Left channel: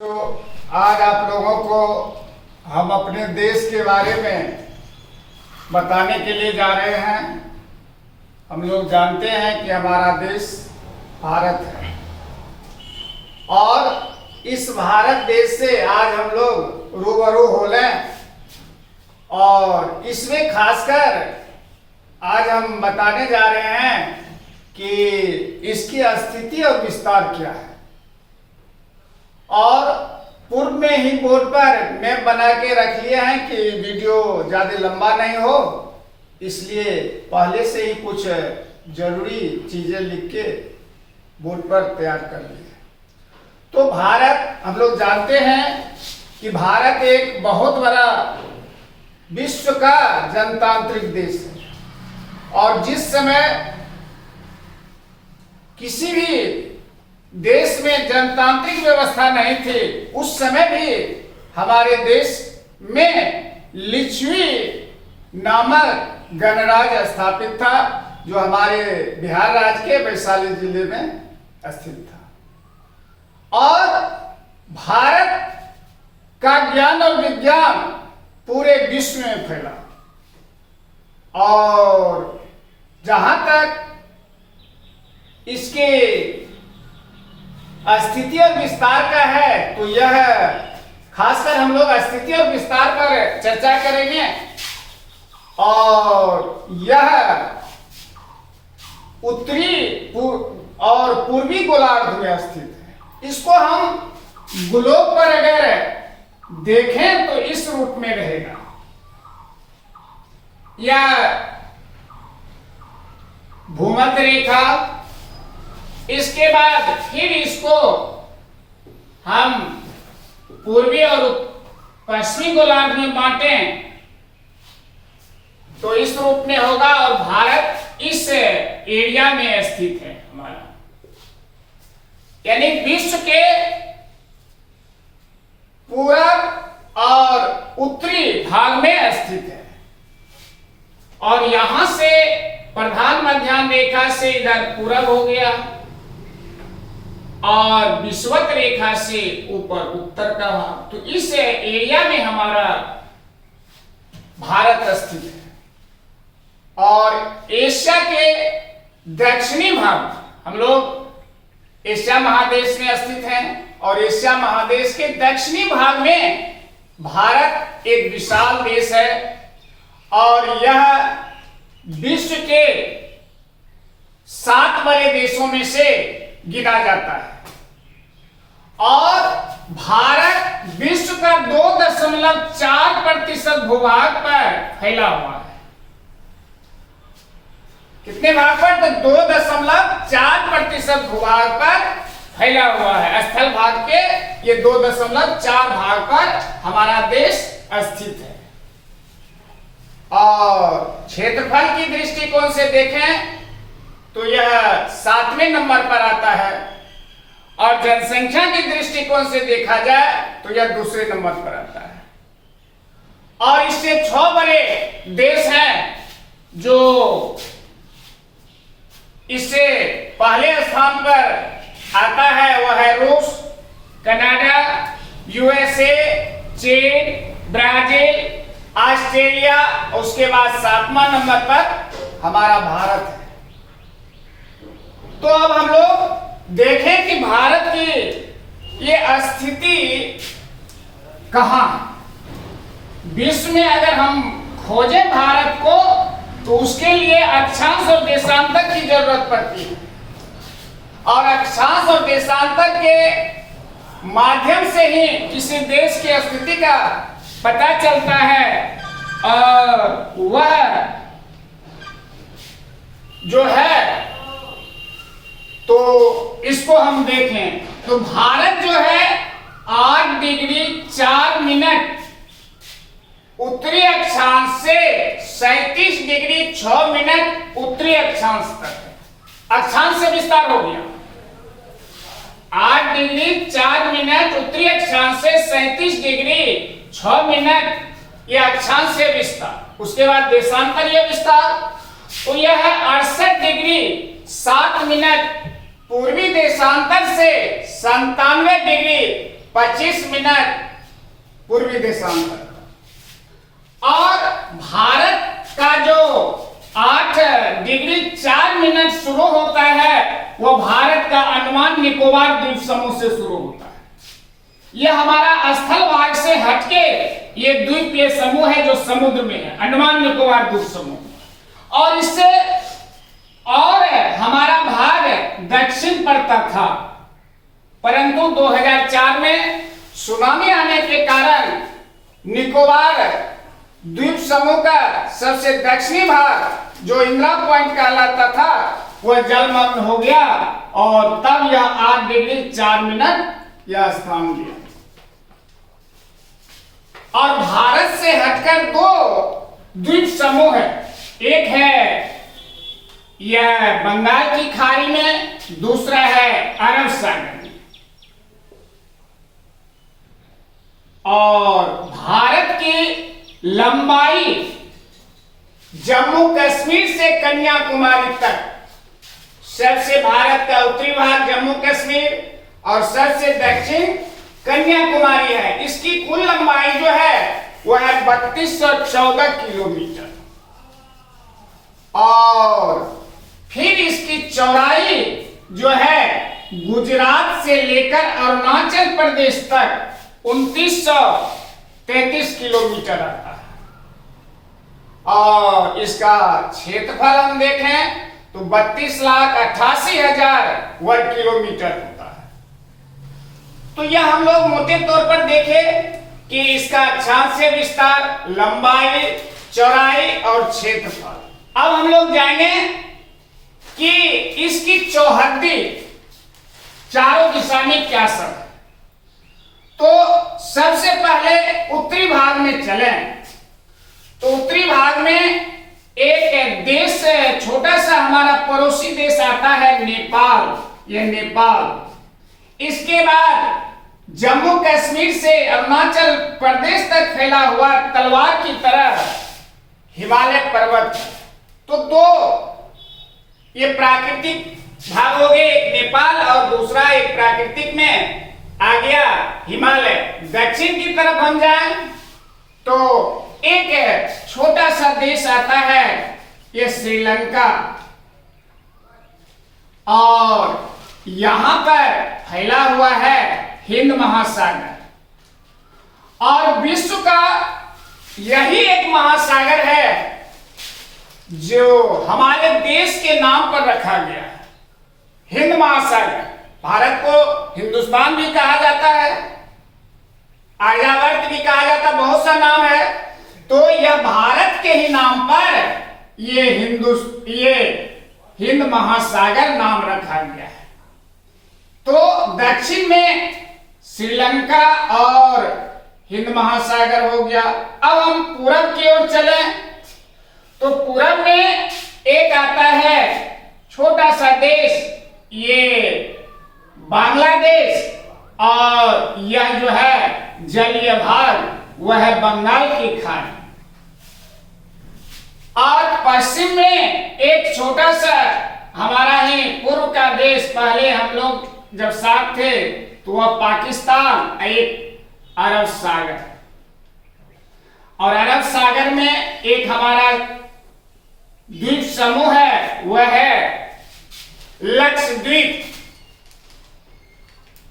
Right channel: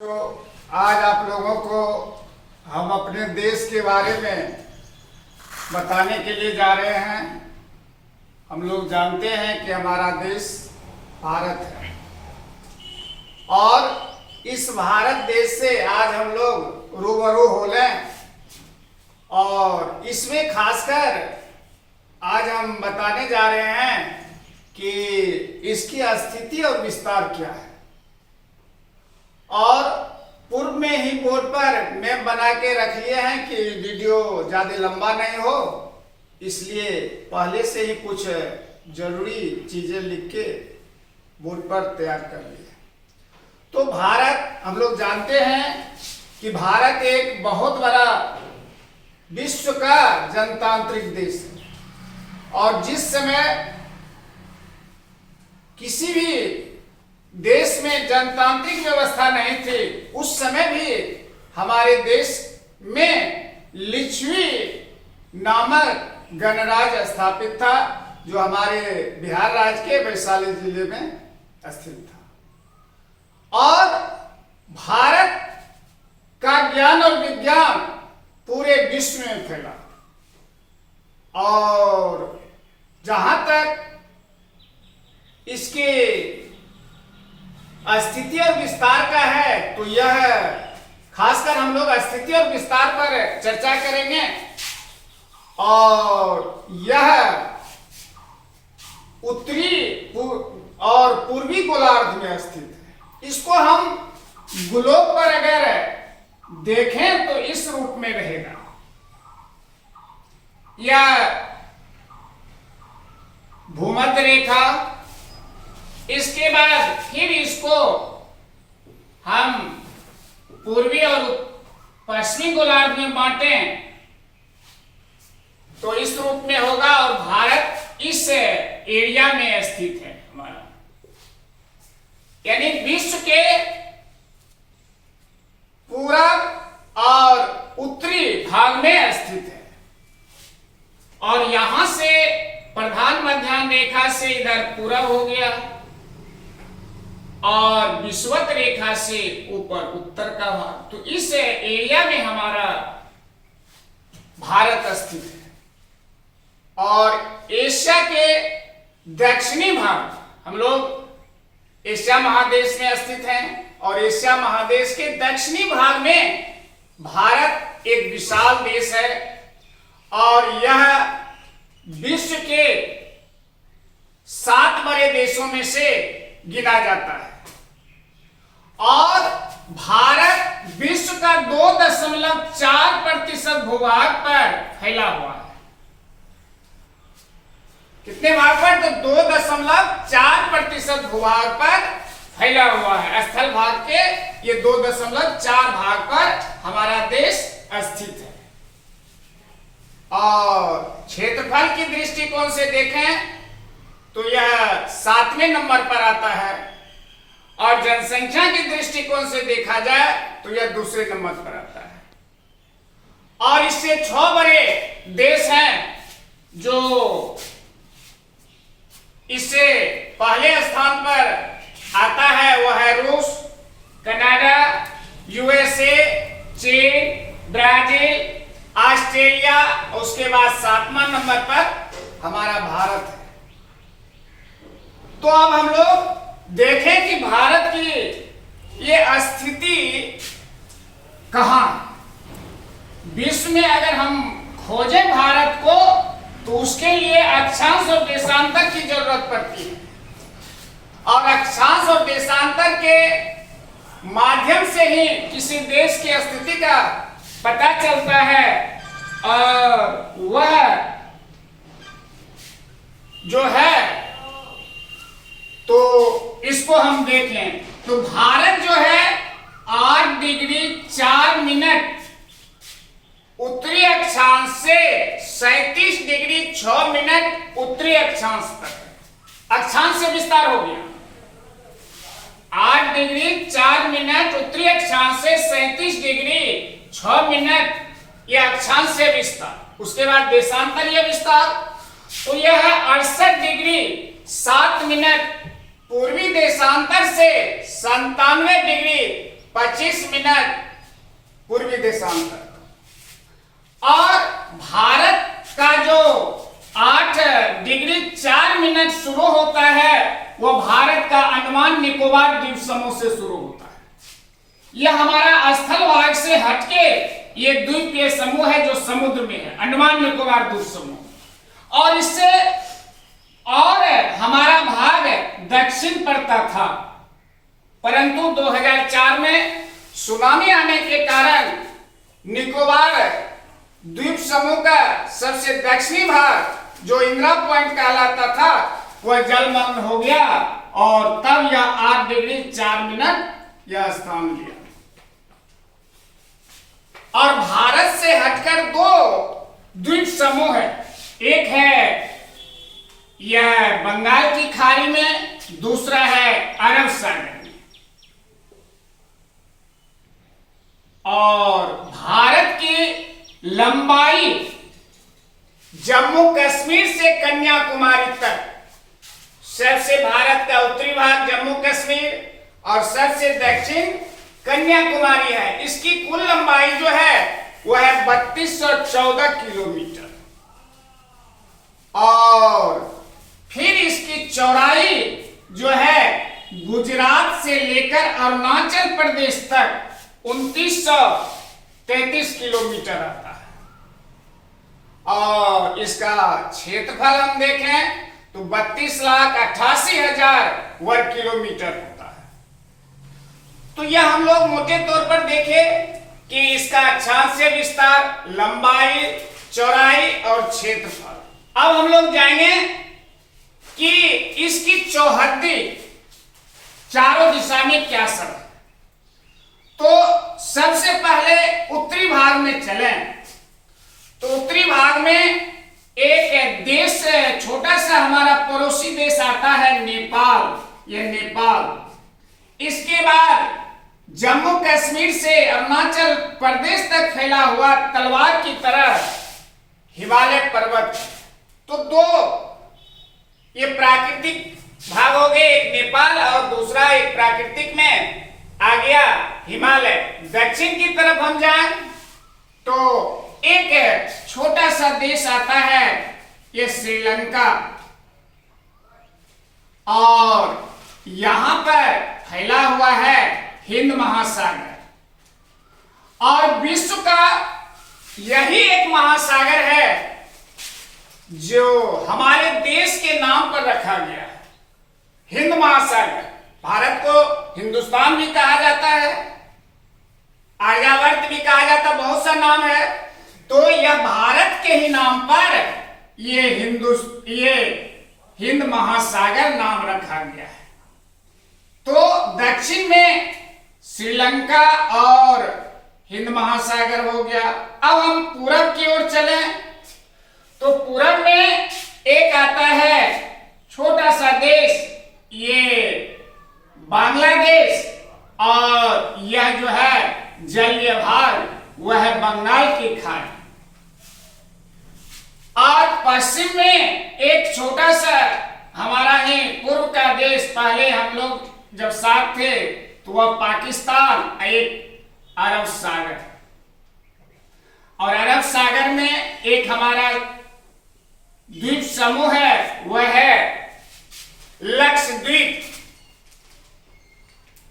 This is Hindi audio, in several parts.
तो आज आप लोगों को हम अपने देश के बारे में बताने के लिए जा रहे हैं। हम लोग जानते हैं कि हमारा देश भारत है और इस भारत देश से आज हम लोग रूबरू हो लें और इसमें खासकर आज हम बताने जा रहे हैं कि इसकी स्थिति और विस्तार क्या है। और पूर्व में ही बोर्ड पर मैप बना के रख लिए हैं कि वीडियो ज़्यादा लंबा नहीं हो, इसलिए पहले से ही कुछ जरूरी चीज़ें लिख के बोर्ड पर तैयार कर लिए। तो भारत, हम लोग जानते हैं कि भारत एक बहुत बड़ा विश्व का जनतांत्रिक देश है और जिस समय किसी भी देश में जनतांत्रिक व्यवस्था नहीं थी, उस समय भी हमारे देश में लिच्छवी नामक गणराज्य स्थापित था, जो हमारे बिहार राज्य के वैशाली जिले में स्थित था। और भारत का ज्ञान और विज्ञान पूरे विश्व में फैला और जहां तक इसके स्थिति और विस्तार का है तो यह खासकर हम लोग स्थिति और विस्तार पर चर्चा करेंगे। और यह उत्तरी और पूर्वी गोलार्ध में स्थित है। इसको हम ग्लोब पर अगर देखें तो इस रूप में रहेगा। यह भूमध्य रेखा, इसके बाद फिर इसको हम पूर्वी और पश्चिमी गोलार्ध में बांटें तो इस रूप में होगा। और भारत इस एरिया में स्थित है हमारा, यानी विश्व के पूरब और उत्तरी भाग में स्थित है। और यहां से प्रधान मध्याह्न रेखा से इधर पूरब हो गया और विषुवत रेखा से ऊपर उत्तर का भाग, तो इस एरिया में हमारा भारत स्थित है। और एशिया के दक्षिणी भाग, हम लोग एशिया महादेश में स्थित हैं और एशिया महादेश के दक्षिणी भाग में भारत एक विशाल देश है और यह विश्व के 7 बड़े देशों में से गिना जाता है। और भारत विश्व का 2.4% भूभाग पर फैला हुआ है। कितने भाग पर? तो 2.4% भूभाग पर फैला हुआ है। स्थल भाग के ये 2.4 भाग पर हमारा देश स्थित है। और क्षेत्रफल की दृष्टिकोण से देखें तो यह 7वें नंबर पर आता है और जनसंख्या की दृष्टिकोण से देखा जाए तो यह दूसरे नंबर पर आता है। और इससे 6 बड़े देश हैं जो इससे पहले स्थान पर आता है, वह है रूस, कनाडा, यूएसए, चीन, ब्राजील, ऑस्ट्रेलिया। उसके बाद 7वां नंबर पर हमारा भारत है। तो अब हम लोग देखें कि भारत की ये स्थिति कहां है। विश्व में अगर हम खोजें भारत को तो उसके लिए अक्षांश और देशांतर की जरूरत पड़ती है। और अक्षांश और देशांतर के माध्यम से ही किसी देश की स्थिति का पता चलता है। और वह जो है, तो इसको हम देखें तो भारत जो है 8 डिग्री 4 मिनट उत्तरी अक्षांश से 37 डिग्री 6 मिनट उत्तरी अक्षांश तक अक्षांश से विस्तार हो गया। 8 डिग्री 4 मिनट उत्तरी अक्षांश से 37 डिग्री 6 मिनट यह अक्षांश से विस्तार। उसके बाद देशांतर यह विस्तार, तो यह 68 डिग्री 7 मिनट पूर्वी देशांतर से 97 डिग्री 25 मिनट पूर्वी देशांतर और भारत का जो 8 डिग्री 4 मिनट शुरू होता है वो भारत का अंडमान निकोबार द्वीप समूह से शुरू होता है। यह हमारा स्थल भाग से हटके ये द्वीपीय समूह है जो समुद्र में है, अंडमान निकोबार द्वीप समूह। और इससे और हमारा भाग दक्षिण पड़ता था, परंतु 2004 में सुनामी आने के कारण निकोबार द्वीप समूह का सबसे दक्षिणी भाग जो इंदिरा पॉइंट कहलाता था वह जलमग्न हो गया और तब यह 8 डिग्री 4 मिनट यह स्थान लिया। और भारत से हटकर 2 द्वीप समूह है, एक है यह बंगाल की खाड़ी में, दूसरा है अरब सागर में। और भारत की लंबाई जम्मू कश्मीर से कन्याकुमारी तक, सबसे भारत का उत्तरी भाग जम्मू कश्मीर और सबसे दक्षिण कन्याकुमारी है। इसकी कुल लंबाई जो है वह है 3214 किलोमीटर और फिर इसकी चौड़ाई जो है गुजरात से लेकर अरुणाचल प्रदेश तक 2933 किलोमीटर आता है। और इसका क्षेत्रफल हम देखें तो 32,88,000 वर्ग किलोमीटर होता है। तो यह हम लोग मोटे तौर पर देखें कि इसका अक्षांशीय विस्तार, लंबाई, चौड़ाई और क्षेत्रफल। अब हम लोग जाएंगे कि इसकी चौहद्दी चारों दिशा में क्या सब है। तो सबसे पहले उत्तरी भाग में चलें तो उत्तरी भाग में एक देश, छोटा सा हमारा पड़ोसी देश आता है नेपाल। यह नेपाल, इसके बाद जम्मू कश्मीर से अरुणाचल प्रदेश तक फैला हुआ तलवार की तरह हिमालय पर्वत। तो 2 ये प्राकृतिक भाग हो गए, एक नेपाल और दूसरा एक प्राकृतिक में आ गया हिमालय। दक्षिण की तरफ हम जाएं तो एक छोटा सा देश आता है, ये श्रीलंका। और यहां पर फैला हुआ है हिंद महासागर और विश्व का यही एक महासागर है जो हमारे देश के नाम पर रखा गया है, हिंद महासागर। भारत को हिंदुस्तान भी कहा जाता है, आर्यावर्त भी कहा जाता, बहुत सा नाम है। तो यह भारत के ही नाम पर ये हिंद महासागर नाम रखा गया है। तो दक्षिण में श्रीलंका और हिंद महासागर हो गया। अब हम पूरब की ओर चलें तो पूरब में एक आता है छोटा सा देश, ये बांग्लादेश। और यह जो है जलीय भाग वह है बंगाल की खाड़ी। और पश्चिम में एक छोटा सा हमारा ही पूर्व का देश, पहले हम लोग जब साथ थे तो वह पाकिस्तान, एक अरब सागर। और अरब सागर में एक हमारा द्वीप समूह है, वह है लक्षद्वीप।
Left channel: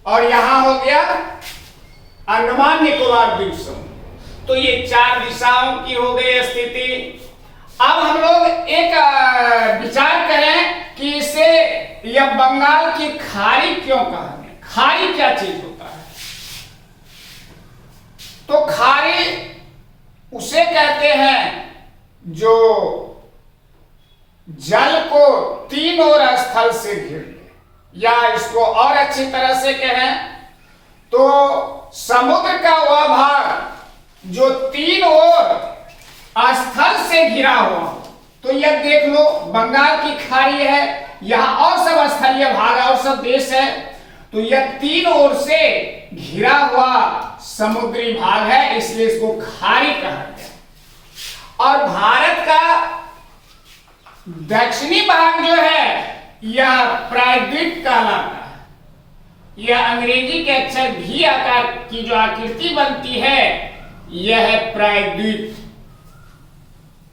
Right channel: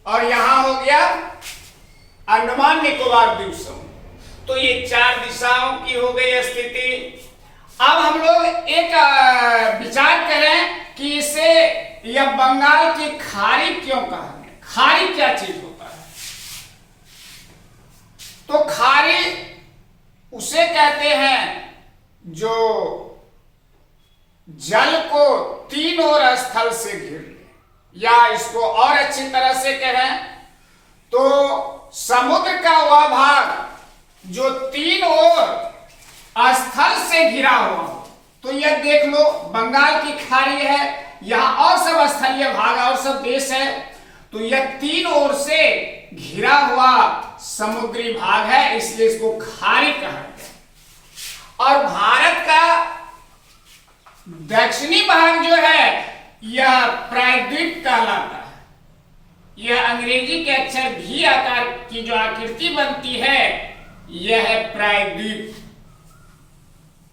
और यहां हो गया अंडमान निकोबार द्वीप समूह। तो ये 4 दिशाओं की हो गई स्थिति। अब हम लोग एक विचार करें कि इसे यह बंगाल की खाड़ी क्यों कहा गया। खाड़ी क्या चीज होता है? तो खाड़ी उसे कहते हैं जो जल को 3 ओर स्थल से घिर ले, या इसको और अच्छी तरह से कहें तो समुद्र का वह भाग जो 3 ओर स्थल से घिरा हुआ हो। तो यह देख लो, बंगाल की खाड़ी है, यहां और सब स्थलीय भाग और सब देश है। तो यह 3 ओर से घिरा हुआ समुद्री भाग है, इसलिए इसको खाड़ी कहा गया। और भारत का दक्षिणी भाग जो है यह प्रायद्वीप कहलाता है। यह अंग्रेजी के अक्षर भी आकार की जो आकृति बनती है यह है प्रायद्वीप।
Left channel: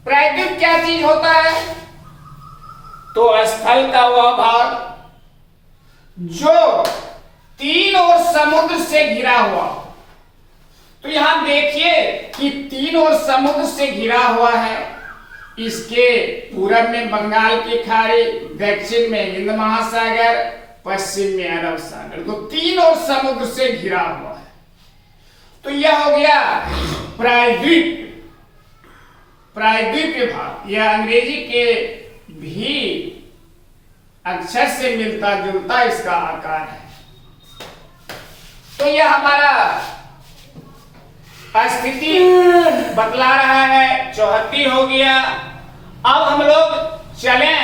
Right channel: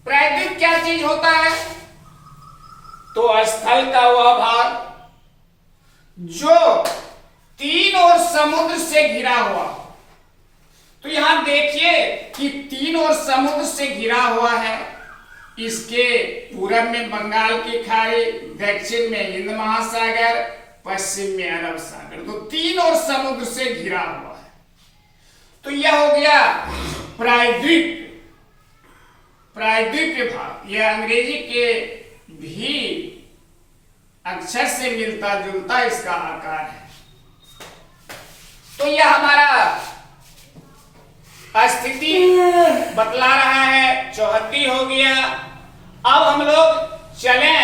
प्रायद्वीप क्या चीज होता है? तो स्थल का वह भाग जो तीन ओर समुद्र से घिरा हुआ। तो यहां देखिए कि तीन ओर समुद्र से घिरा हुआ है। इसके पूरब में बंगाल की खाड़ी, दक्षिण में हिंद महासागर, पश्चिम में अरब सागर। तो तीन ओर समुद्र से घिरा हुआ है। तो यह हो गया प्रायद्वीप। प्रायद्वीपीय भाग यह अंग्रेजी के भी अक्षर से मिलता जुलता इसका आकार है। तो यह हमारा स्थिति बतला रहा है। चौहत्ती हो गया। अब हम लोग चलें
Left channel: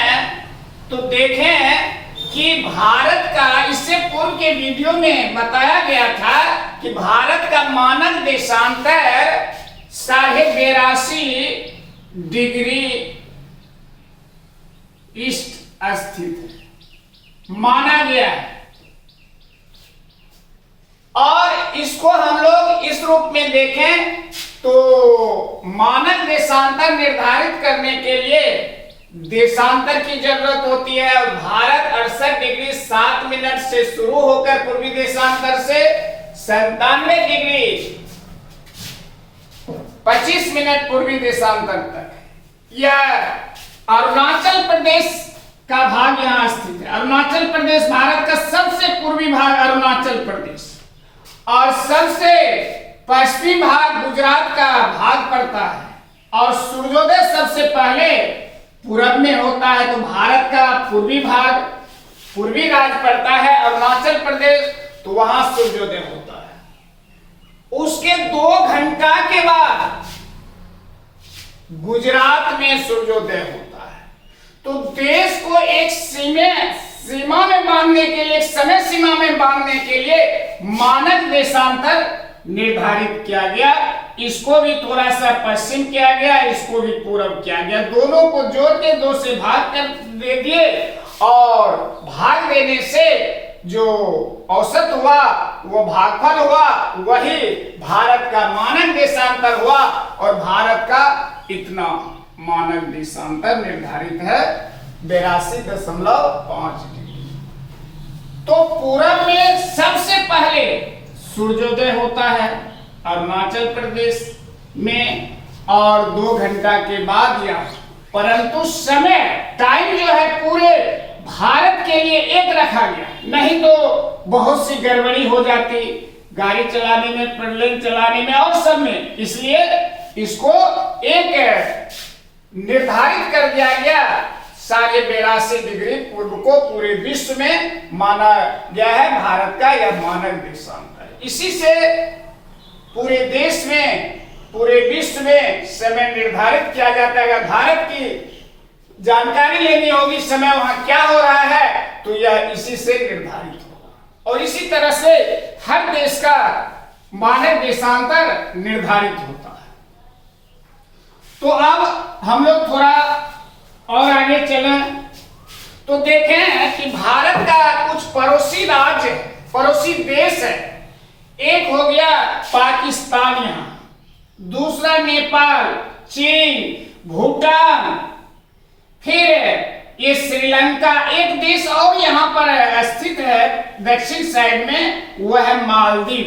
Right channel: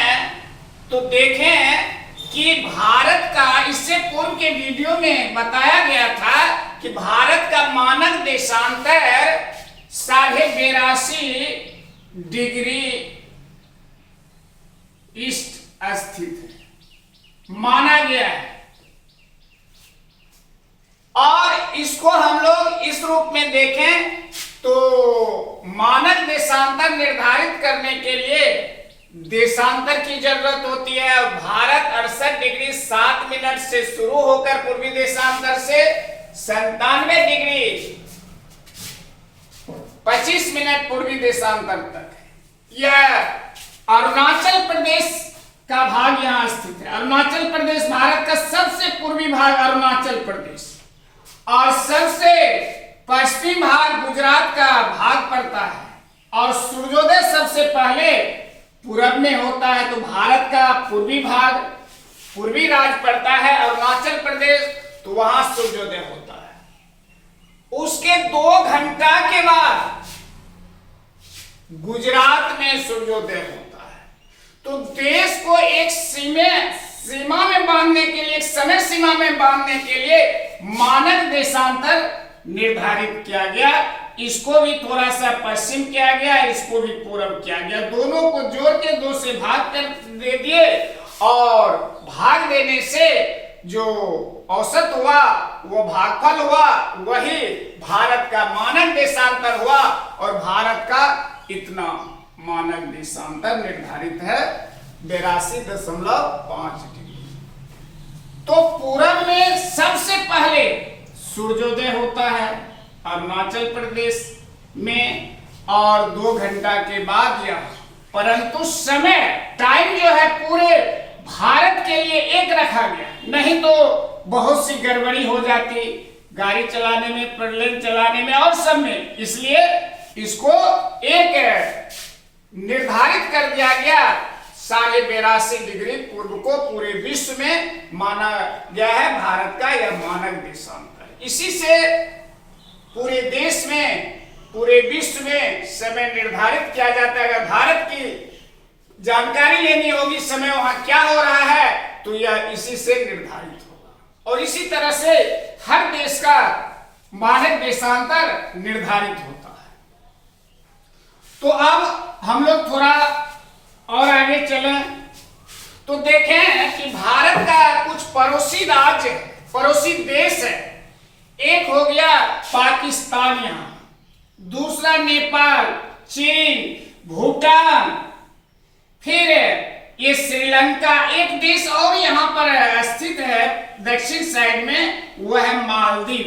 तो देखें कि भारत का, इससे पूर्व के वीडियो में बताया गया था कि भारत का मानक देशांतर 82.5 डिग्री ईस्ट स्थित है, माना गया है। और इसको हम लोग इस रूप में देखें तो मानक देशांतर निर्धारित करने के लिए देशांतर की जरूरत होती है। और भारत 68 डिग्री 7 मिनट से शुरू होकर पूर्वी देशांतर से 97 डिग्री 25 मिनट पूर्वी देशांतर तक है। यह अरुणाचल प्रदेश का भाग यहां स्थित है। अरुणाचल प्रदेश भारत का सबसे पूर्वी भाग अरुणाचल प्रदेश और सबसे पश्चिमी भाग गुजरात का भाग पड़ता है। और सूर्योदय सबसे पहले पूरब में होता है। तो भारत का पूर्वी भाग, पूर्वी राज्य पड़ता है अरुणाचल प्रदेश, तो वहां सूर्योदय होता है। उसके 2 घंटा के बाद गुजरात में सूर्योदय होता है। तो देश को एक सीमा में बांधने के लिए, एक समय सीमा में बांधने के लिए मानक देशांतर निर्धारित किया गया। इसको भी थोड़ा सा पश्चिम किया गया, इसको भी पूरब किया गया। दोनों को जोड़ के 2 से भाग कर दे दिए और भाग देने से जो औसत हुआ वो भागफल हुआ, वही भारत का मानक देशांतर हुआ। और भारत का इतना मानक देशांतर निर्धारित है 82.5 डिग्री। तो पूरब में सबसे पहले सूर्योदय होता है अरुणाचल प्रदेश में और 2 घंटा के बाद यह, परंतु समय टाइम जो है पूरे भारत के लिए एक रखा गया, नहीं तो बहुत सी गड़बड़ी हो जाती गाड़ी चलाने में, प्लेन चलाने में और सब में। इसलिए इसको एक निर्धारित कर दिया गया 82.5 डिग्री पूर्व को पूरे विश्व में माना गया है भारत का यह मानक देशांतर। इसी से पूरे देश में, पूरे विश्व में समय निर्धारित किया जाता है। अगर भारत की जानकारी लेनी होगी समय वहां क्या हो रहा है तो यह इसी से निर्धारित होगा। और इसी तरह से हर देश का मानक देशांतर निर्धारित होता है। तो अब हम लोग थोड़ा और आगे चलें तो देखें कि भारत का कुछ पड़ोसी राज्य, पड़ोसी देश है। एक हो गया पाकिस्तान, यहां दूसरा नेपाल, चीन, भूटान, फिर ये श्रीलंका, एक देश और यहां पर स्थित है दक्षिण साइड में, वह है मालदीव।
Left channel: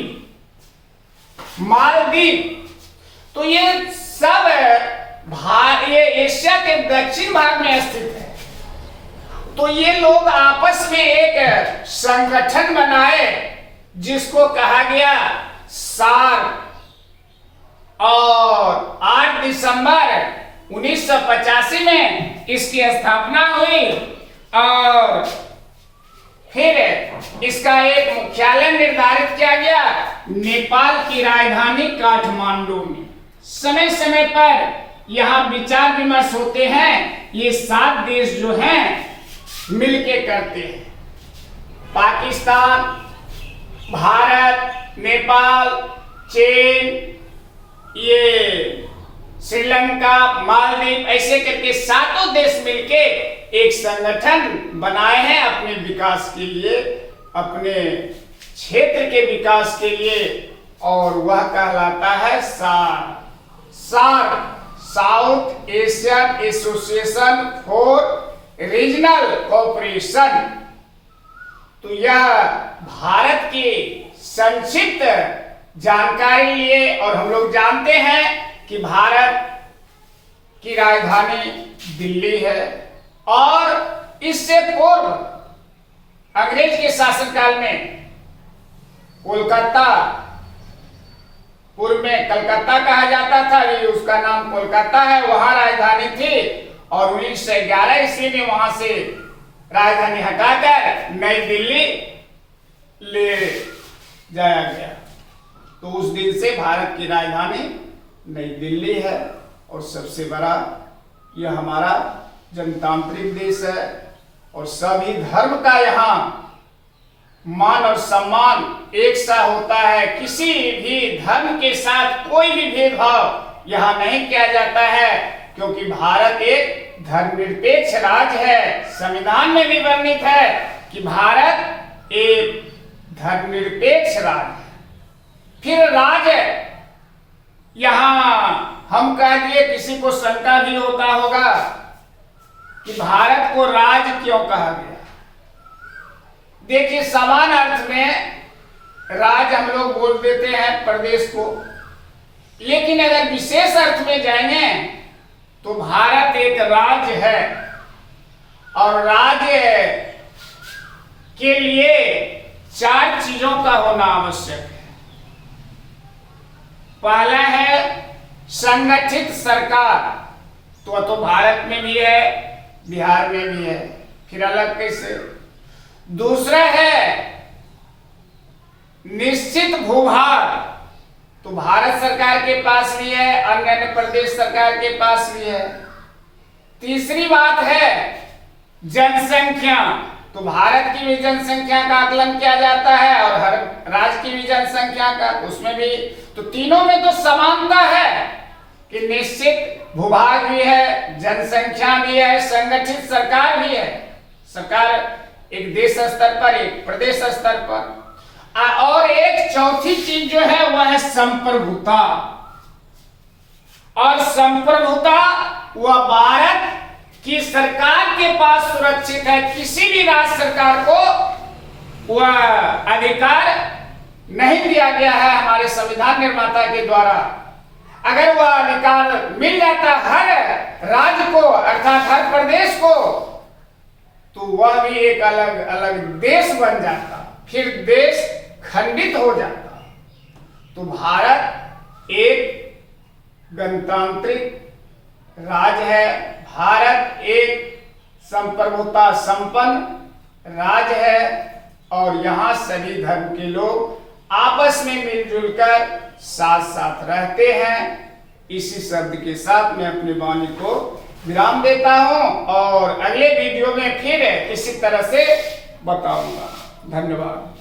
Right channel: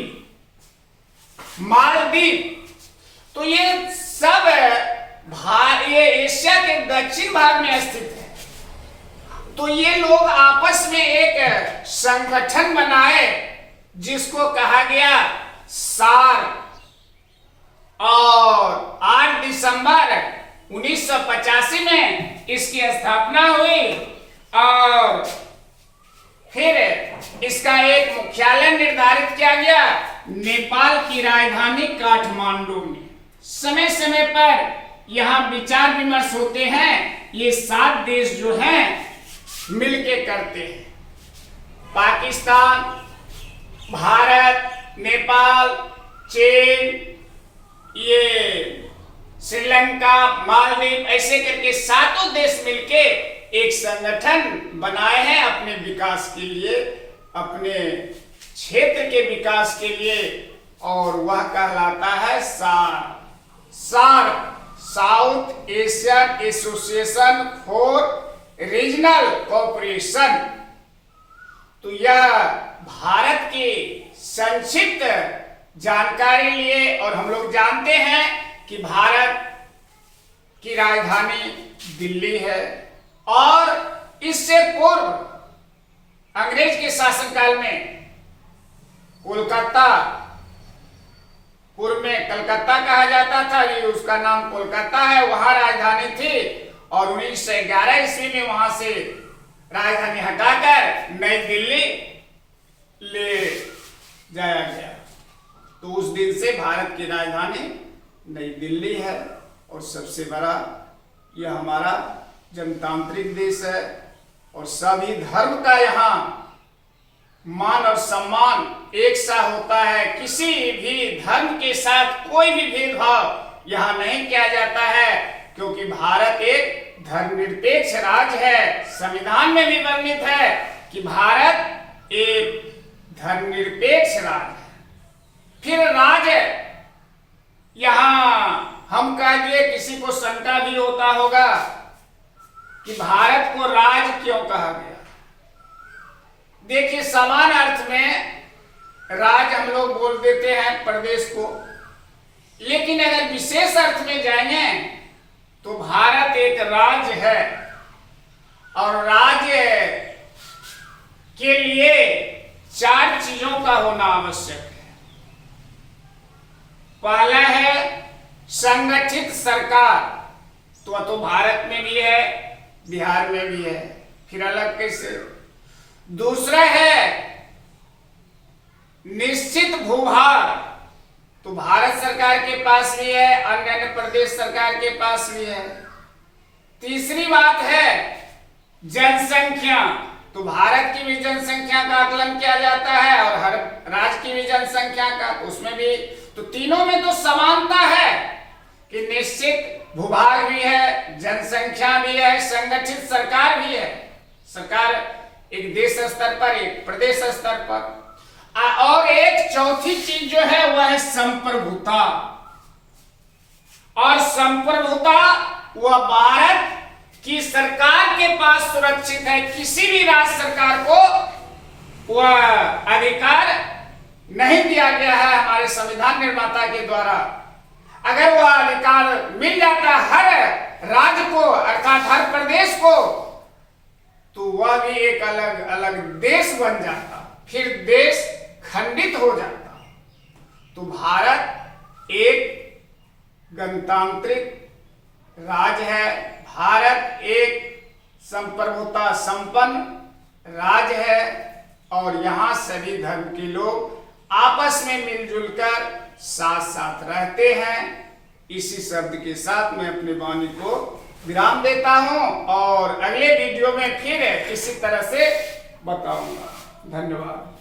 मालदीव तो ये सब ये एशिया के दक्षिण भाग में स्थित है। तो ये लोग आपस में एक संगठन बनाए जिसको कहा गया सार्क। और 8 दिसंबर 1985 में इसकी स्थापना हुई और फिर इसका एक मुख्यालय निर्धारित किया गया नेपाल की राजधानी काठमांडू में। समय समय पर यहाँ विचार विमर्श होते हैं। ये 7 देश जो हैं मिलके करते हैं, पाकिस्तान, भारत, नेपाल, चीन, ये श्रीलंका, मालदीव, ऐसे करके 7 देश मिलके एक संगठन बनाए हैं अपने विकास के लिए, अपने क्षेत्र के विकास के लिए, और वह कहलाता है SAARC, South Asian Association for Regional Cooperation. तो यह भारत की संक्षिप्त जानकारी लिए, और हम लोग जानते हैं कि भारत की राजधानी दिल्ली है, और इससे पूर्व अंग्रेज के शासनकाल में कोलकाता, पूर्व में कलकत्ता कहा जाता था, ये उसका नाम कोलकाता है, वहां राजधानी थी, और 1911 ईस्वी में वहां से राजधानी हटाकर नई दिल्ली ले जाया गया। तो उस दिन से भारत की राजधानी नई दिल्ली है, और सबसे बड़ा यह हमारा जनतांत्रिक देश है, और सभी धर्म का यहाँ मान और सम्मान एक सा होता है। किसी भी धर्म के साथ कोई भी भेदभाव यहाँ नहीं किया जाता है, क्योंकि भारत एक धर्मनिरपेक्ष राज्य है। संविधान में भी वर्णित है कि भारत एक धर्मनिरपेक्ष राज्य है। फिर राज्य, यहाँ हम कह दिए, किसी को शंका भी होता होगा कि भारत को राज्य क्यों कहा गया। देखिए, समान अर्थ में राज्य हम लोग बोल देते हैं प्रदेश को, लेकिन अगर विशेष अर्थ में जाएंगे तो भारत एक राज्य है, और राज्य के लिए 4 चीजों का होना आवश्यक है। पहला है संगठित सरकार, तो भारत में भी है, बिहार में भी है, फिर अलग कैसे। दूसरा है निश्चित भूभार, तो भारत सरकार के पास भी है, अन्य प्रदेश सरकार के पास भी है। तीसरी बात है जनसंख्या, तो भारत की भी जनसंख्या का आकलन किया जाता है, और हर राज्य की भी जनसंख्या का, उसमें भी। तो तीनों में तो समानता है कि निश्चित भूभाग भी है, जनसंख्या भी है, संगठित सरकार भी है। सरकार एक देश स्तर पर, एक प्रदेश स्तर पर, और एक चौथी चीज जो है वह है संप्रभुता। और संप्रभुता वह भारत की सरकार के पास सुरक्षित है। किसी भी राज्य सरकार को वह अधिकार नहीं दिया गया है हमारे संविधान निर्माता के द्वारा। अगर वह अधिकार मिल जाता हर राज्य को, अर्थात हर प्रदेश को, तो वह भी एक अलग अलग देश बन जाता, फिर देश खंडित हो जाता। तो भारत एक गणतांत्रिक राज्य है, भारत एक संप्रभुता संपन्न राज्य है, और यहाँ सभी धर्म के लोग आपस में मिलजुल कर साथ साथ रहते हैं। इसी शब्द के साथ मैं अपनी वाणी को विराम देता हूं, और अगले वीडियो में फिर इसी तरह से बताऊंगा। धन्यवाद।